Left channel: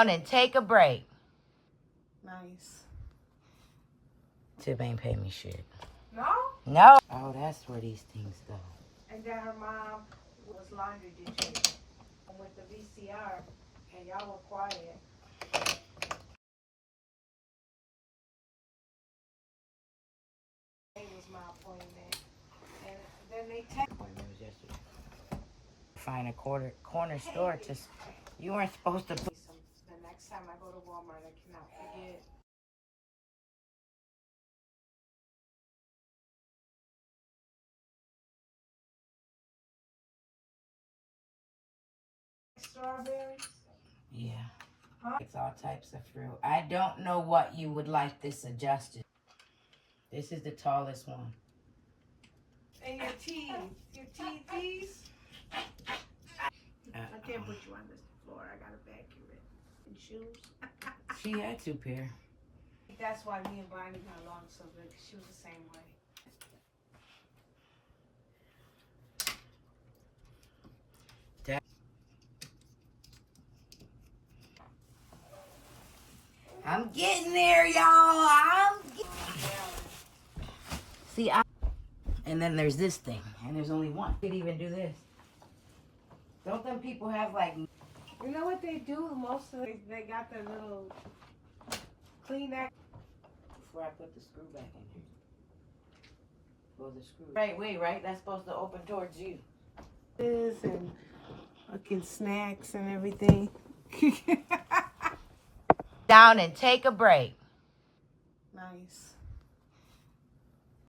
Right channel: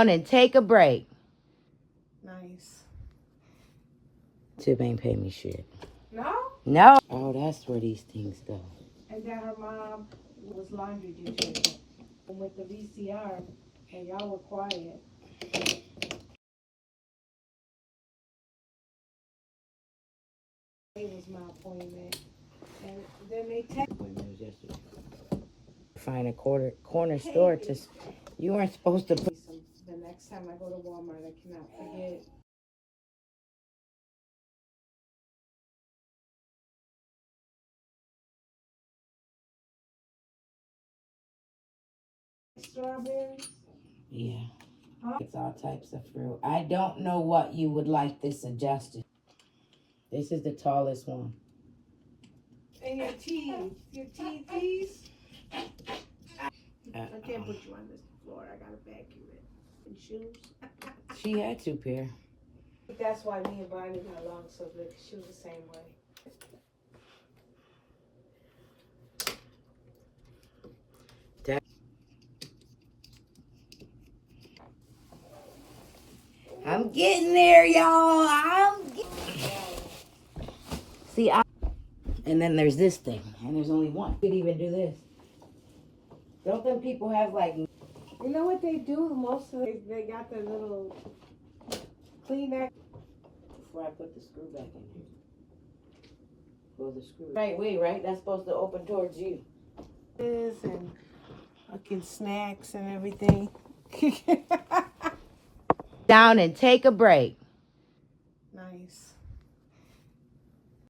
down and take a break. Nice. Tip ain't pay me shit. No? No. Oh, that's where these things go. And then her mom was laundry dishes with the VCR, and y'all were quiet. It was my appointment. And then they text. Appointment was yesterday. Find a corner store to. You weren't supposed to put. The next time I go to Walmart, I cannot forget. Strawberries? Yeah. It's all types of fruit. I don't know what you would like this adjusted. This is the tallest one. And your teeth. Your teeth, please. I can't put you on this floor. I gotta vacuum it. And shoes. She had 2 pair. That's why me and Brittany got along so good, because she was the same way. I'm getting there, y'all. See, and then there's this thing, and there's only one. You could even do this. Don't them people have like? You know what they do? Most of they got their little Kleenex. Before I put the screw back in here. Pull the screw. Right way, right? That's supposed to open towards you. And fucking snacks and everything. Down and take a break. Nice.